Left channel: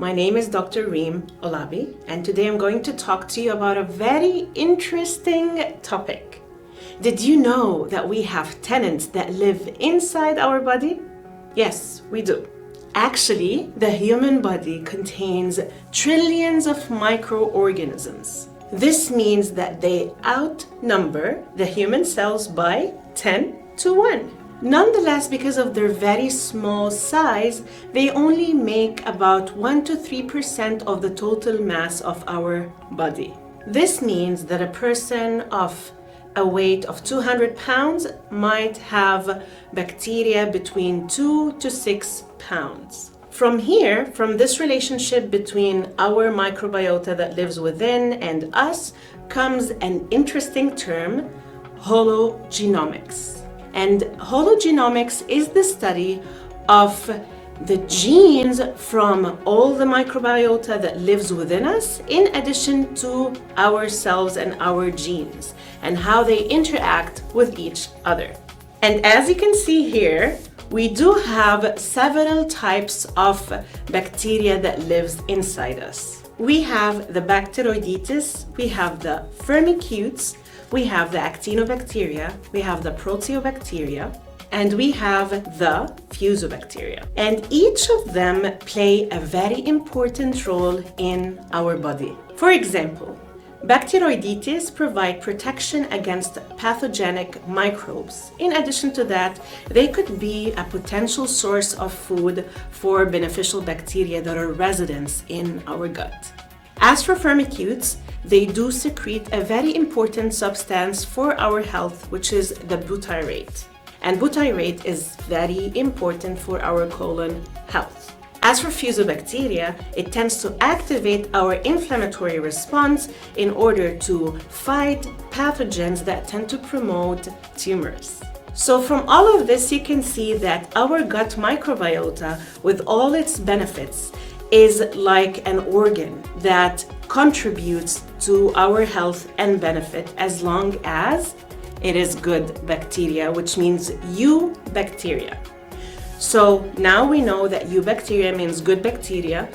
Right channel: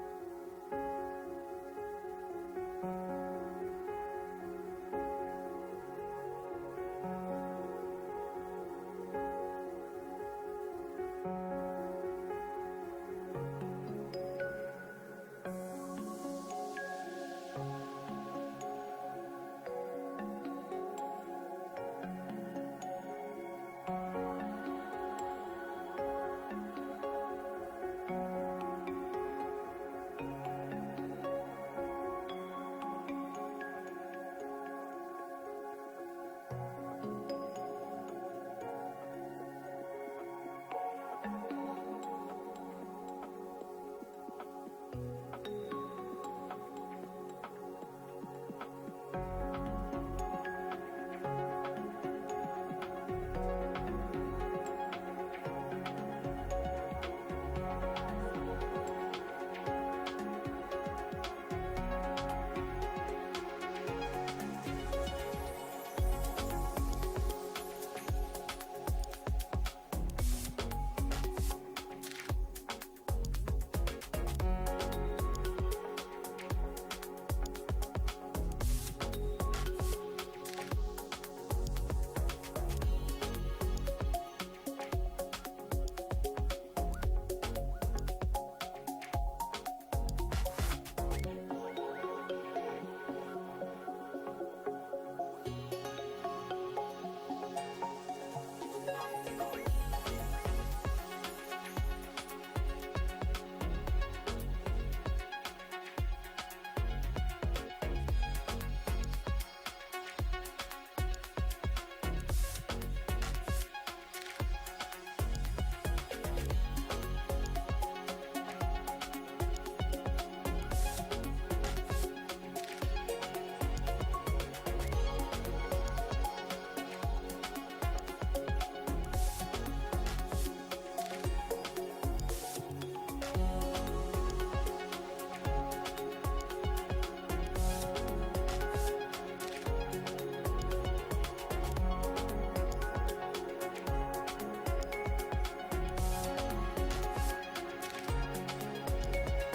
My name is Dr. Reem Olabi, and today I'm going to talk to you about a very interesting topic. Did you know that we have tenants that live inside our body? Yes, we do. Actually, the human body contains trillions of microorganisms. This means that they outnumber the human cells by 10 to 1. Nonetheless, because of their very small size, they only make about 1 to 3% of the total mass of our body. This means that a person of a weight of 200 pounds might have bacteria between 2 to 6 pounds. From this relationship between our microbiota that lives within and us, comes an interesting term, hologenomics. And hologenomics is the study of the genes from all the microbiota that lives within us, in addition to our cells and our genes, and how they interact with each other. And as you can see here, we do have several types of bacteria that lives inside us. We have the Bacteroidetes, we have the Firmicutes, we have the Actinobacteria, we have the Proteobacteria, and we have the Fusobacteria. And each of them play a very important role in our body. For example, Bacteroidetes provide protection against pathogenic microbes. In addition to that, they could be a potential source of food for beneficial bacteria that are residents in our gut. As for Firmicutes, they do secrete a very important substance for our health, which is the butyrate. And butyrate is very important for our colon health. As for Fusobacteria, it tends to activate our inflammatory response in order to fight pathogens that tend to promote tumors. So from all of this, you can see that our gut microbiota, with all its benefits, is like an organ that contributes to our health and benefit as long as it is good bacteria, which means eubacteria. So now we know that eubacteria means good bacteria,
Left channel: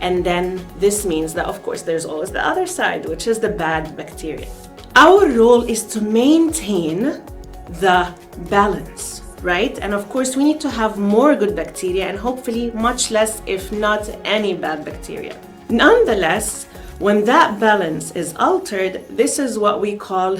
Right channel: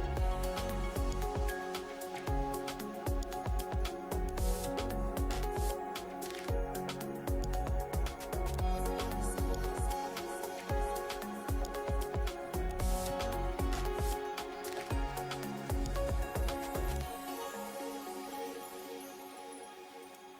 and then this means that, of course, there's always the other side, which is the bad bacteria. Our role is to maintain the balance, right? And of course, we need to have more good bacteria and hopefully much less, if not any, bad bacteria. Nonetheless, when that balance is altered, this is what we call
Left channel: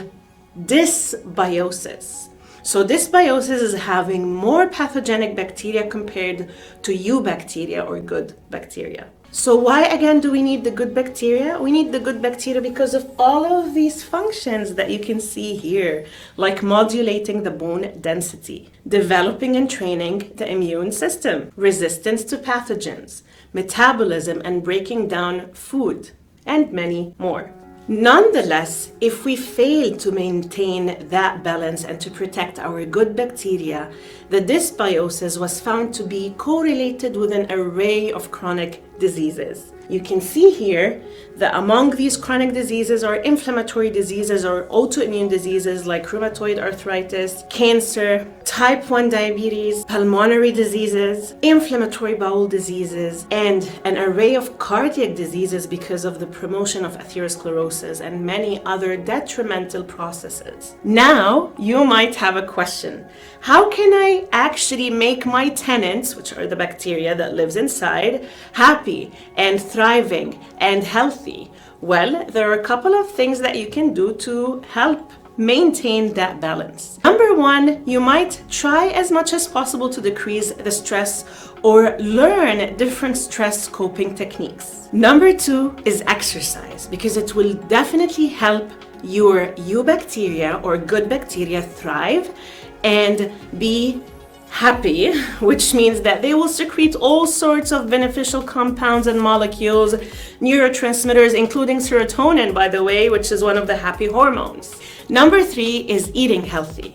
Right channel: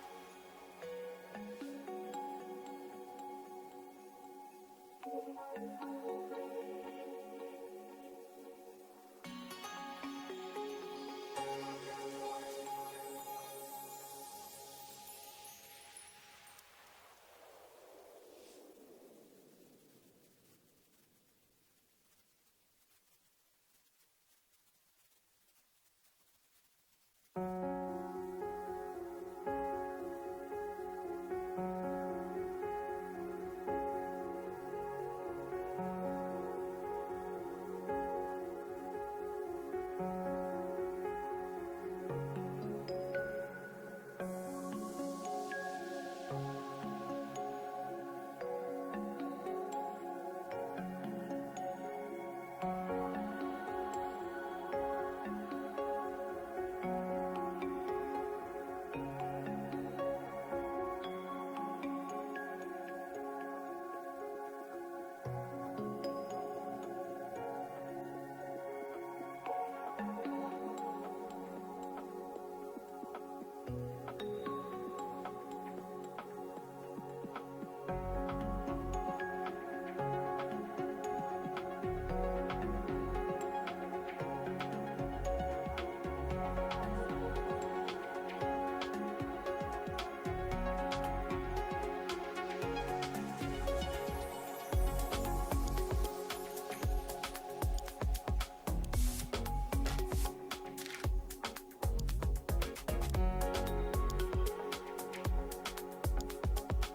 dysbiosis. So dysbiosis is having more pathogenic bacteria compared to eubacteria or good bacteria. So why again do we need the good bacteria? We need the good bacteria because of all of these functions that you can see here, like modulating the bone density, developing and training the immune system, resistance to pathogens, metabolism and breaking down food, and many more. Nonetheless, if we fail to maintain that balance and to protect our good bacteria, the dysbiosis was found to be correlated with an array of chronic diseases. You can see here that among these chronic diseases are inflammatory diseases or autoimmune diseases like rheumatoid arthritis, cancer, type 1 diabetes, pulmonary diseases, inflammatory bowel diseases, and an array of cardiac diseases because of the promotion of atherosclerosis and many other detrimental processes. Now, you might have a question. How can I actually make my tenants, which are the bacteria that lives inside, happy and thriving and healthy? Well, there are a couple of things that you can do to help maintain that balance. Number one, you might try as much as possible to decrease the stress or learn different stress coping techniques. Number two is exercise, because it will definitely help your eubacteria or good bacteria thrive and be happy, which means that they will secrete all sorts of beneficial compounds and molecules, neurotransmitters, including serotonin, by the way, which is one of the happy hormones. Number three is eating healthy.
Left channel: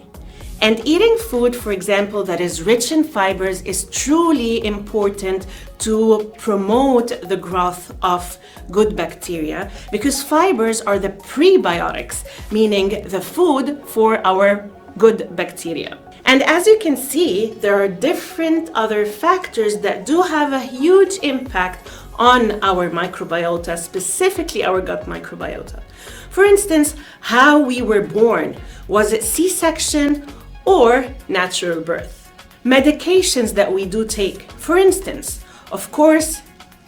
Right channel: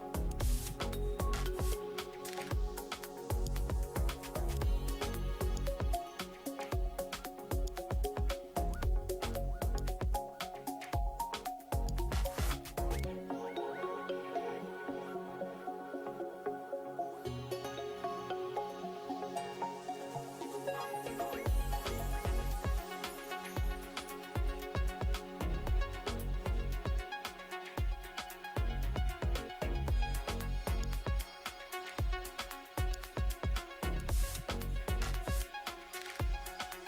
And eating food, for example, that is rich in fibers is truly important to promote the growth of good bacteria, because fibers are the prebiotics, meaning the food for our good bacteria. And as you can see, there are different other factors that do have a huge impact on our microbiota, specifically our gut microbiota. For instance, how we were born. Was it C-section or natural birth? Medications that we do take. For instance, of course,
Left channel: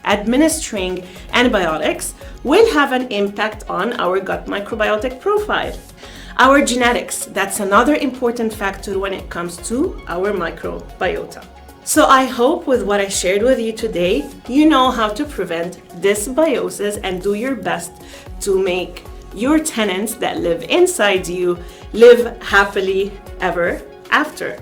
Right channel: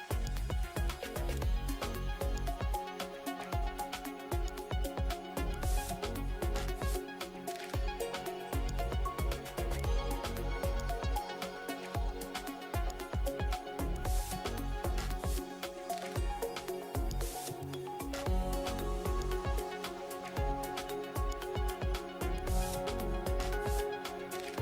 administering antibiotics will have an impact on our gut microbiotic profile. Our genetics, that's another important factor when it comes to our microbiota. So I hope with what I shared with you today, you know how to prevent dysbiosis and do your best to make your tenants that live inside you live happily ever after.